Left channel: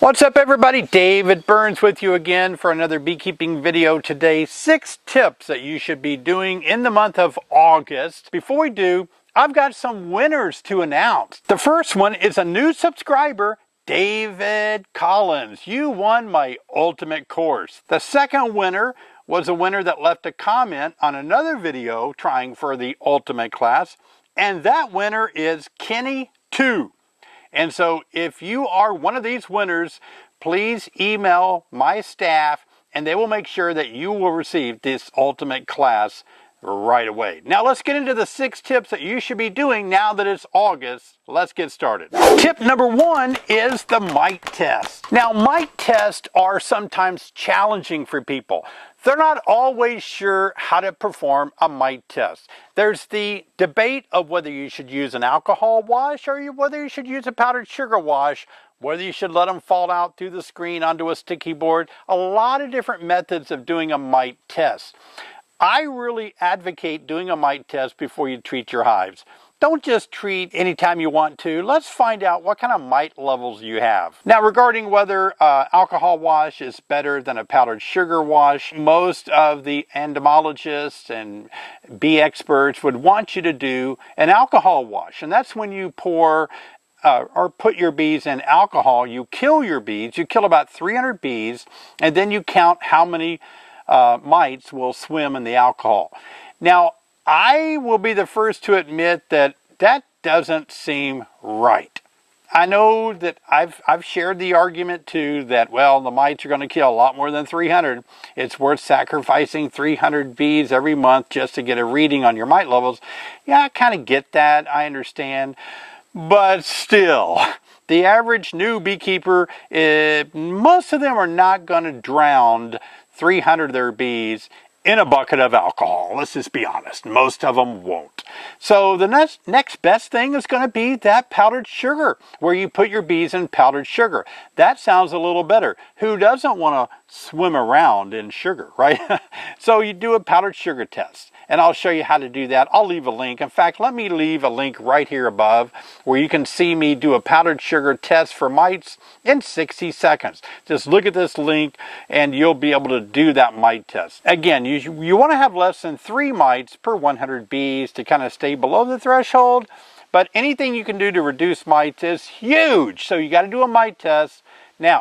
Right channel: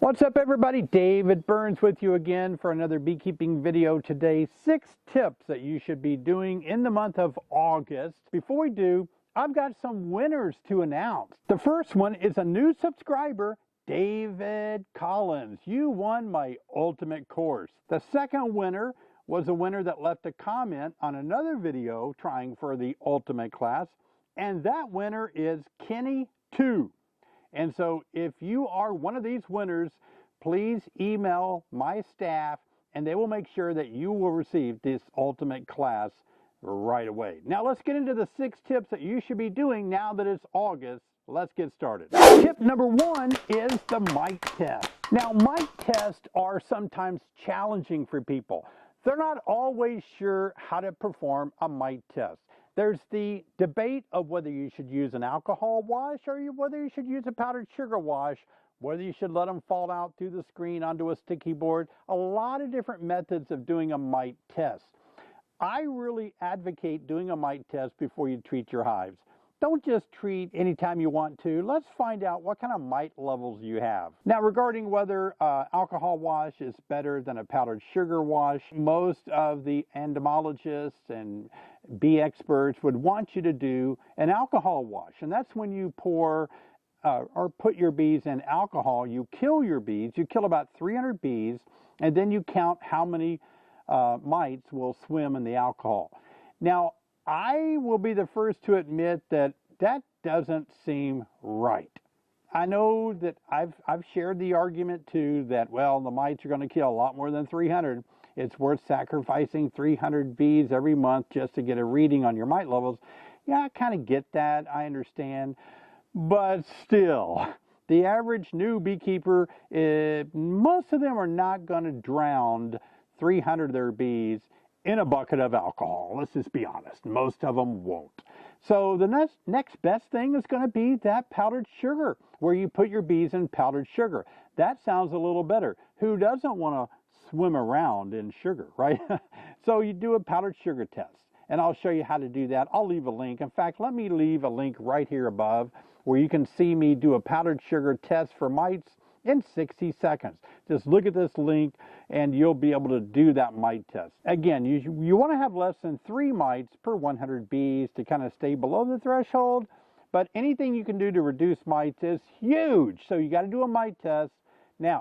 What's up everybody? David Burns with you again for another beekeeping video today. 6 tips that you should be doing in the month of August. Before we do, I've got some winners to announce. The first one is a new subscriber, David Collins. You won my ultimate course. The second winner was a winner that left a comment on another video trying for the ultimate class, and that winner is Kenny 2. And so if you are one of these winners, please email my staff and they will make sure that you will receive this ultimate class right away. Now let's get into the 6 tips that you should be doing now that it's August. Let's get started. Tip number 1 is the mite test. Now mite tests are sometimes challenging for people. They're not always sure how to perform a mite test. There's the debate of whether you should use an alcohol wash or whether you should use a powdered sugar wash, whether you should let them fall out through the screen onto a sticky board. A lot of different methods of doing a mite test. I really advocate doing a mite test before you treat your hives. Don't just treat anytime you want to. Let's find out what kind of mite levels you have. Now, regarding whether alcohol wash is better than a powdered sugar wash, most of the entomologists and bee experts would want you to do an alcohol wash. And that's when you pour or put your bees in alcohol. You kill your bees. You kill about 300 bees, and then you count how many mites will swim in the alcohol. Now, I will be the first to admit that that doesn't seem right. I know that I've shared the argument too that, well, the mites are going to kill a lot more than 300. It's worth sacrificing 300 bees every month just to get a reading on your mite levels. Yeah, I kind of get that. I understand. But still, the average new beekeeper, most of them are not going to drown 300 of their bees in a bucket of alcohol. Let's just be honest. Most of them won't. So the next best thing is going to be that powdered sugar, where you put your bees in powdered sugar. That sounds a little better. Who doesn't want to swim around in sugar, right? So you do a powdered sugar test, and I'll show you how to do that. I'll leave a link. In fact, let me leave a link right here above where you can see me do a powdered sugar test for mites in 60 seconds. Just look at this link and you'll be able to do that mite test. Again, you want to have less than 3 mites per 100 bees to kind of stay below the threshold, but anything you can do to reduce mites is huge. So you got to do a mite test. Now,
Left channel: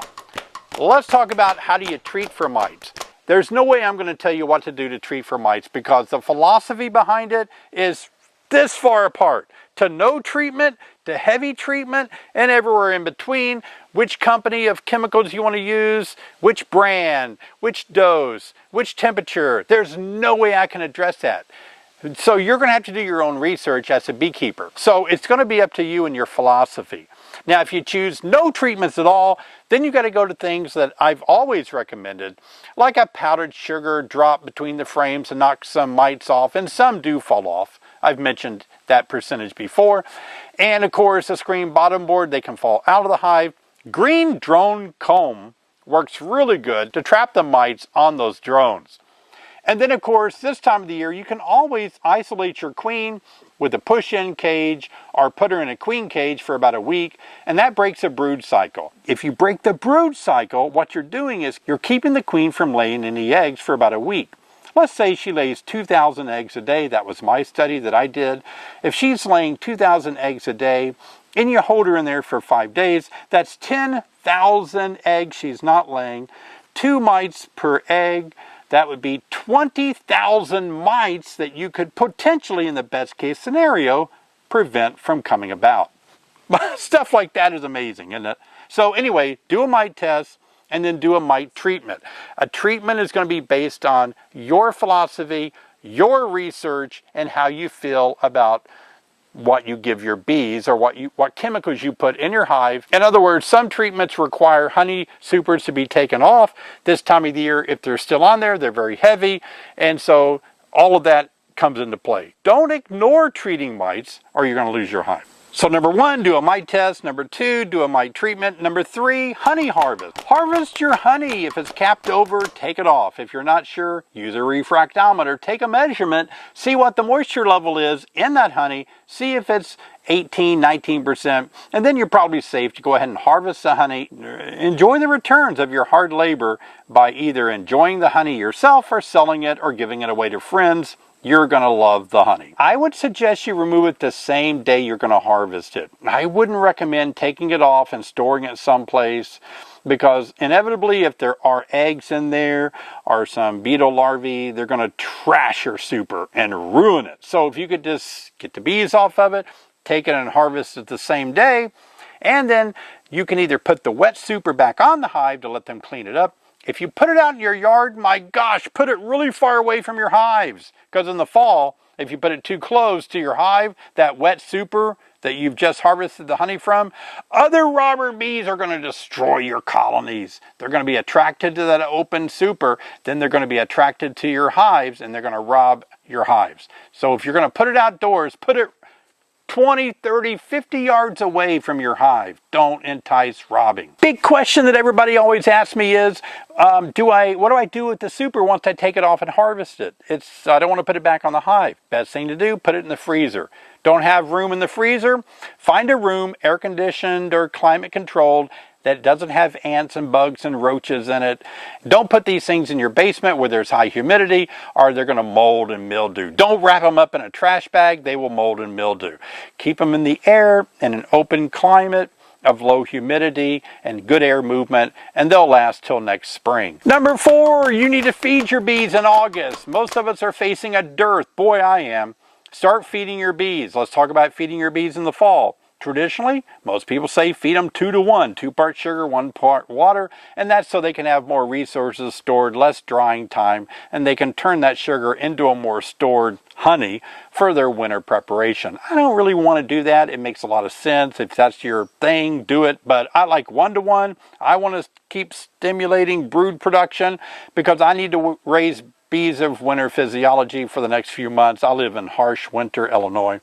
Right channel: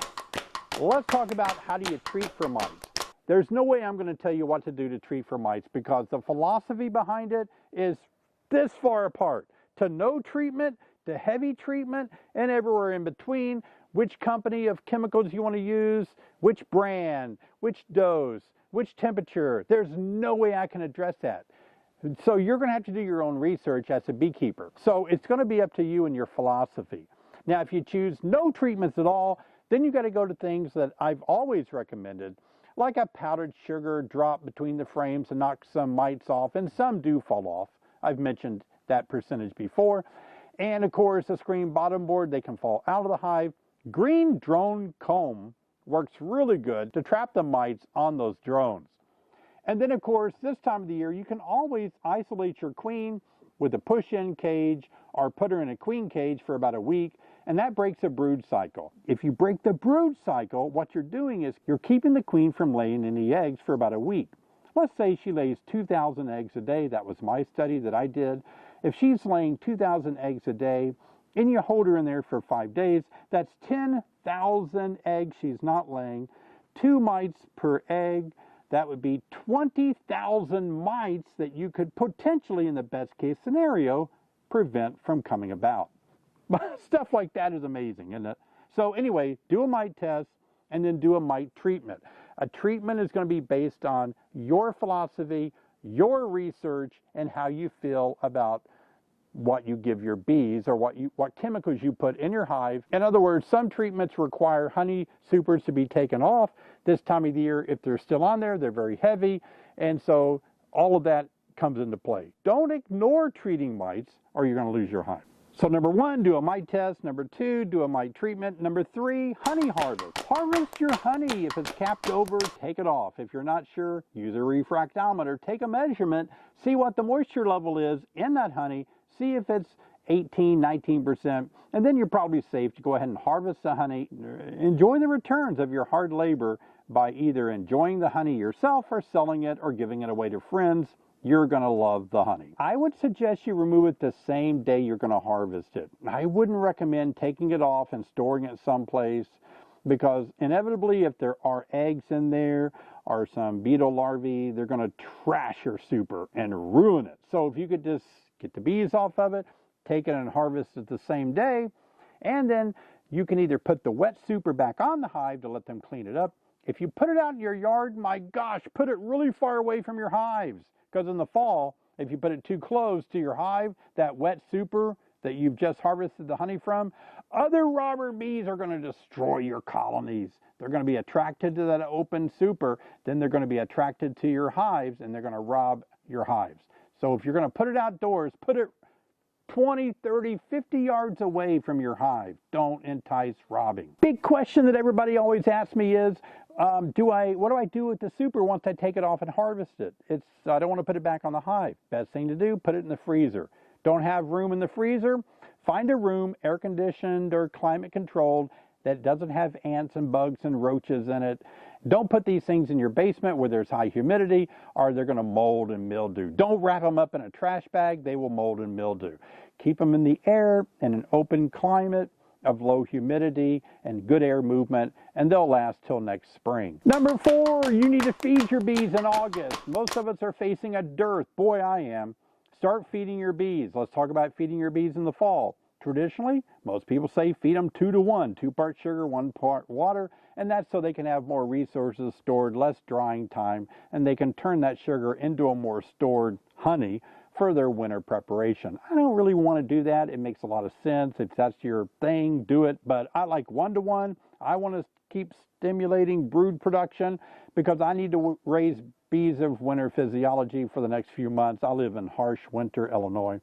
let's talk about how do you treat for mites. There's no way I'm going to tell you what to do to treat for mites because the philosophy behind it is this far apart. To no treatment, to heavy treatment, and everywhere in between. Which company of chemicals you want to use, which brand, which dose, which temperature. There's no way I can address that. So you're going to have to do your own research as a beekeeper. So it's going to be up to you and your philosophy. Now, if you choose no treatments at all, then you got to go to things that I've always recommended, like a powdered sugar drop between the frames and knock some mites off, and some do fall off. I've mentioned that percentage before. And of course, a screen bottom board, they can fall out of the hive. Green drone comb works really good to trap the mites on those drones. And then of course, this time of the year, you can always isolate your queen with a push-in cage or put her in a queen cage for about a week, and that breaks a brood cycle. If you break the brood cycle, what you're doing is you're keeping the queen from laying any eggs for about a week. Let's say she lays 2,000 eggs a day. That was my study that I did. If she's laying 2,000 eggs a day and you hold her in there for 5 days, that's 10,000 eggs she's not laying. 2 mites per egg. That would be 20,000 mites that you could potentially, in the best case scenario, prevent from coming about. Stuff like that is amazing, isn't it? So anyway, do a mite test and then do a mite treatment. A treatment is going to be based on your philosophy, your research, and how you feel about what you give your bees or what chemicals you put in your hive. In other words, some treatments require honey supers to be taken off this time of the year. If they're still on there, they're very heavy, and so all of that comes into play. Don't ignore treating mites or you're going to lose your hive. So number 1, do a mite test. Number 2, do a mite treatment. Number 3, honey harvest. Harvest your honey. If it's capped over, take it off. If you're not sure, use a refractometer. Take a measurement, see what the moisture level is in that honey, see if it's 18, 19%, and then you're probably safe to go ahead and harvest the honey. Enjoy the returns of your hard labor by either enjoying the honey yourself or selling it or giving it away to friends. You're going to love the honey. I would suggest you remove it the same day you're going to harvest it. I wouldn't recommend taking it off and storing it someplace, because inevitably if there are eggs in there or some beetle larvae, they're going to trash your super and ruin it. So if you could just get the bees off of it, take it and harvest it the same day, and then you can either put the wet super back on the hive to let them clean it up. If you put it out in your yard, my gosh, put it really far away from your hives, because in the fall, if you put it too close to your hive, that wet super that you've just harvested the honey from, other robber bees are going to destroy your colonies. They're going to be attracted to that open super, then they're going to be attracted to your hives, and they're going to rob your hives. So if you're going to put it outdoors, put it 20, 30, 50 yards away from your hive. Don't entice robbing. Big question that everybody always asks me is, what do I do with the super once I take it off and harvest it? I don't want to put it back on the hive. Best thing to do, put it in the freezer. Don't have room in the freezer? Find a room, air conditioned or climate controlled, that doesn't have ants and bugs and roaches in it. Don't put these things in your basement where there's high humidity, or they're going to mold and mildew. Don't wrap them up in a trash bag. They will mold and mildew. Keep them in the air in an open climate of low humidity and good air movement, and they'll last till next spring. Number 4, you need to feed your bees in August. Most of us are facing a dearth. Boy, I am. Start feeding your bees. Let's talk about feeding your bees in the fall. Traditionally, most people say feed them 2 to 1, 2 parts sugar, 1 part water, and that's so they can have more resources stored, less drying time, and they can turn that sugar into a more stored honey for their winter preparation. I don't really want to do that. It makes a lot of sense. If that's your thing, do it, but I like 1 to 1. I want to keep stimulating brood production because I need to raise bees of winter physiology for the next few months. I live in harsh winter Illinois.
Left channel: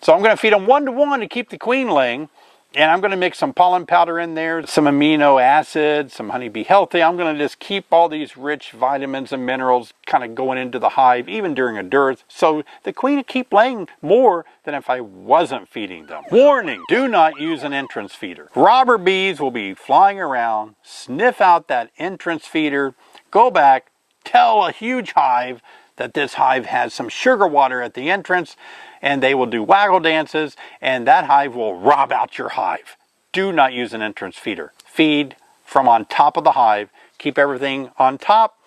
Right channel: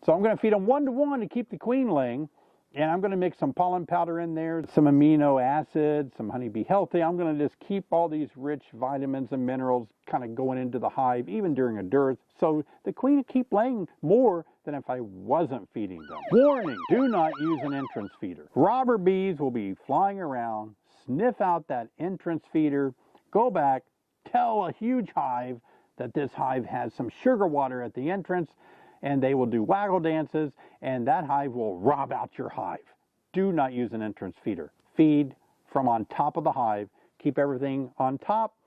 So I'm going to feed them 1 to 1 to keep the queen laying. And I'm going to mix some pollen powder in there, some amino acids, some honeybee healthy. I'm going to just keep all these rich vitamins and minerals kind of going into the hive, even during a dearth. So the queen will keep laying more than if I wasn't feeding them. Warning, do not use an entrance feeder. Robber bees will be flying around, sniff out that entrance feeder, go back, tell a huge hive that this hive has some sugar water at the entrance, and they will do waggle dances, and that hive will rob out your hive. Do not use an entrance feeder. Feed from on top of the hive. Keep everything on top,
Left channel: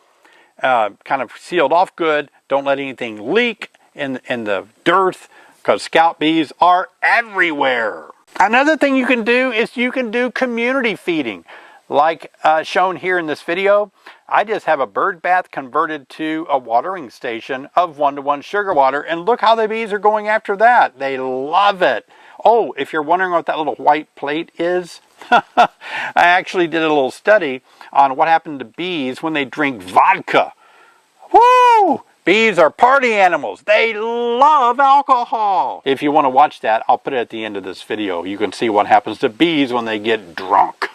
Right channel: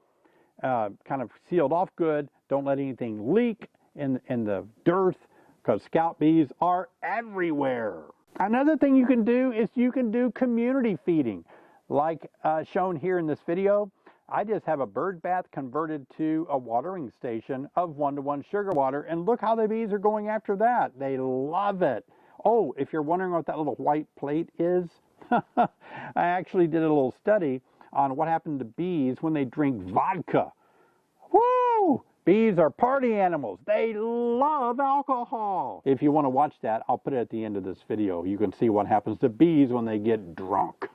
kind of sealed off good. Don't let anything leak in the dearth, because scout bees are everywhere. Another thing you can do is you can do community feeding. Like shown here in this video, I just have a bird bath converted to a watering station of 1 to 1 sugar water, and look how the bees are going after that. They love it. Oh, if you're wondering what that little white plate is, I actually did a little study on what happened to bees when they drink vodka. Woo! Bees are party animals. They love alcohol. If you want to watch that, I'll put it at the end of this video. You can see what happens to bees when they get drunk.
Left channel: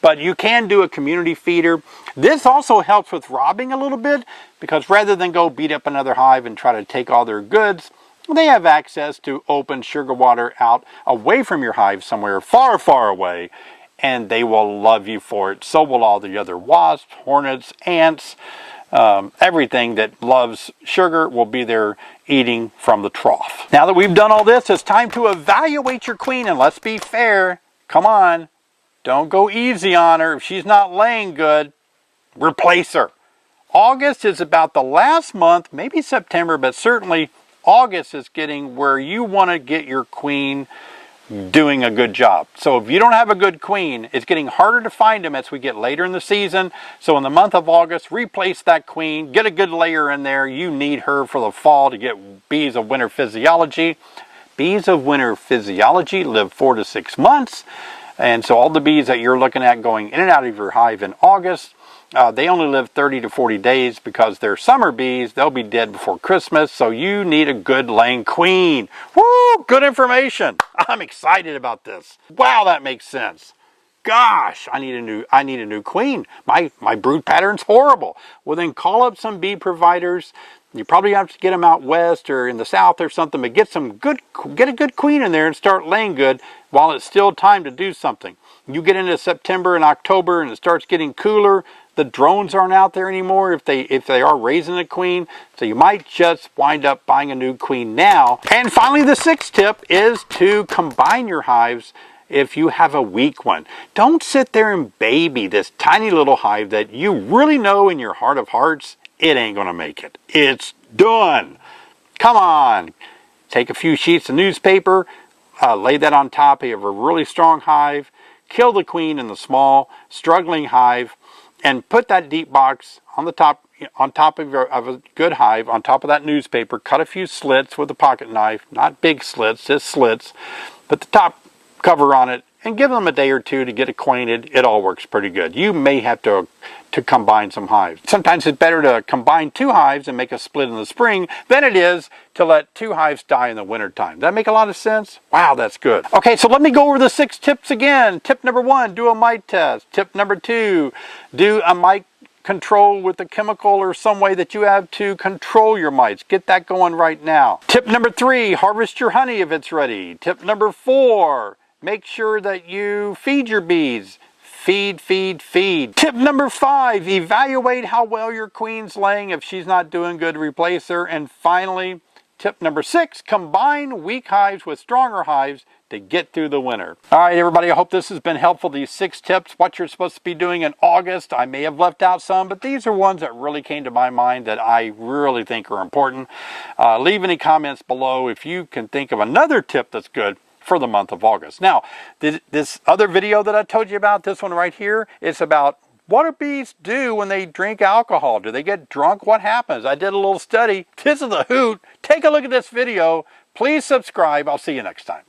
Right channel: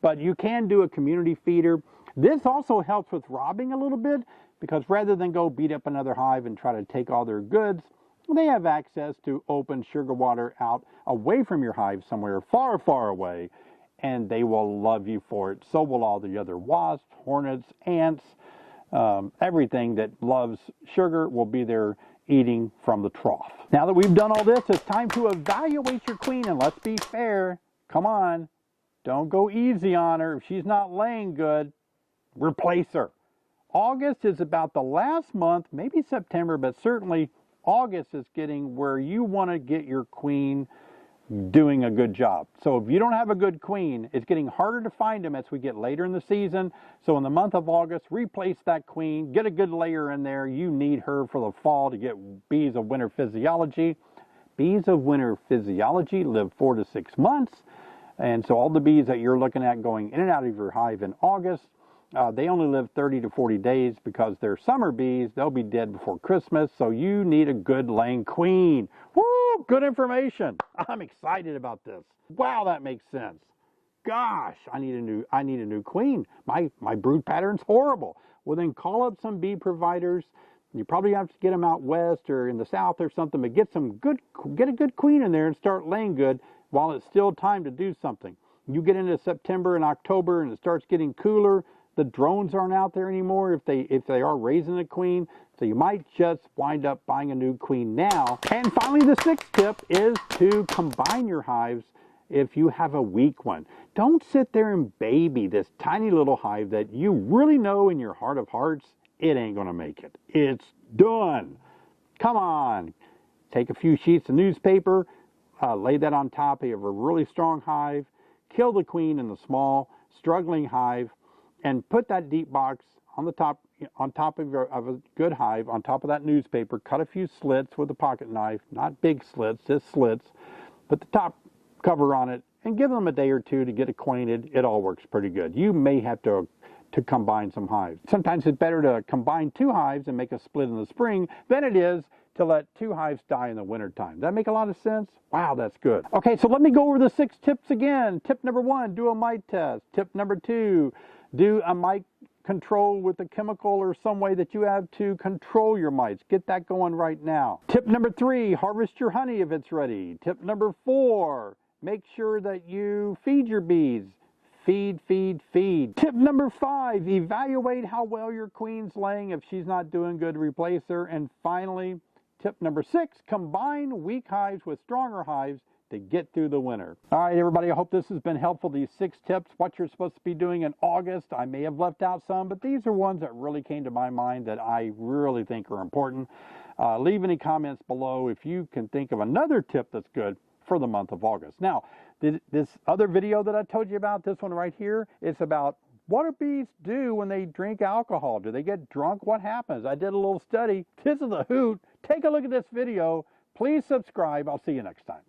But you can do a community feeder. This also helps with robbing a little bit, because rather than go beat up another hive and try to take all their goods, they have access to open sugar water out away from your hive somewhere far, far away, and they will love you for it. So will all the other wasps, hornets, ants. Everything that loves sugar will be there eating from the trough. Now that we've done all this, it's time to evaluate your queen, and let's be fair. Come on, don't go easy on her. If she's not laying good, replace her. August is about the last month, maybe September, but certainly August is getting where you want to get your queen doing a good job. So if you don't have a good queen, it's getting harder to find them as we get later in the season. So in the month of August, replace that queen, get a good layer in there. You need her for the fall to get bees of winter physiology. Bees of winter physiology live 4 to 6 months. And so all the bees that you're looking at going in and out of your hive in August, they only live 30 to 40 days because they're summer bees. They'll be dead before Christmas, so you need a good laying queen. Woo! Good information. I'm excited about this. Wow, that makes sense. Gosh, I need a new queen. My brood pattern's horrible. Well, then call up some bee providers. You probably have to get them out west or in the south or something, but get a good queen in there and start laying good while it's still time to do something. You get into September and October and it starts getting cooler. The drones aren't out there anymore if they are raising a queen. So you might just wind up buying a new queen now. And finally, the sixth tip is to combine your hives if you have a weak one. Don't sit there and baby this tiny little hive that you really know in your heart of hearts, it ain't gonna make it. It's done. Come on. Take a few sheets of newspaper, lay that on top of a really strong hive, kill the queen in the small, struggling hive, and put that deep box on top of a good hive, on top of that newspaper. Cut a few slits with a pocket knife, not big slits, just slits. Put the top cover on it and give them a day or two to get acquainted. It all works pretty good. You may have to combine some hives. Sometimes it's better to combine two hives and make a split in the spring than it is to let two hives die in the wintertime. Does that make a lot of sense? Wow, that's good. Okay, so let me go over the 6 tips again. Tip number 1, do a mite test. Tip number 2, do a mite control with a chemical or some way that you have to control your mites. Get that going right now. Tip number 3, harvest your honey if it's ready. Tip number 4, make sure that you feed your bees. Feed, feed, feed. Tip number 5, evaluate how well your queen's laying. If she's not doing good, replace her. And finally, tip number 6, combine weak hives with stronger hives to get through the winter. All right, everybody, I hope this has been helpful. These 6 tips, what you're supposed to be doing in August. I may have left out some, but these are ones that really came to my mind that I really think are important. Leave any comments below if you can think of another tip that's good for the month of August. Now, this other video that I told you about, this one right here, it's about what do bees do when they drink alcohol? Do they get drunk? What happens? I did a little study. This is a hoot. Take a look at this video. Please subscribe. I'll see you next time.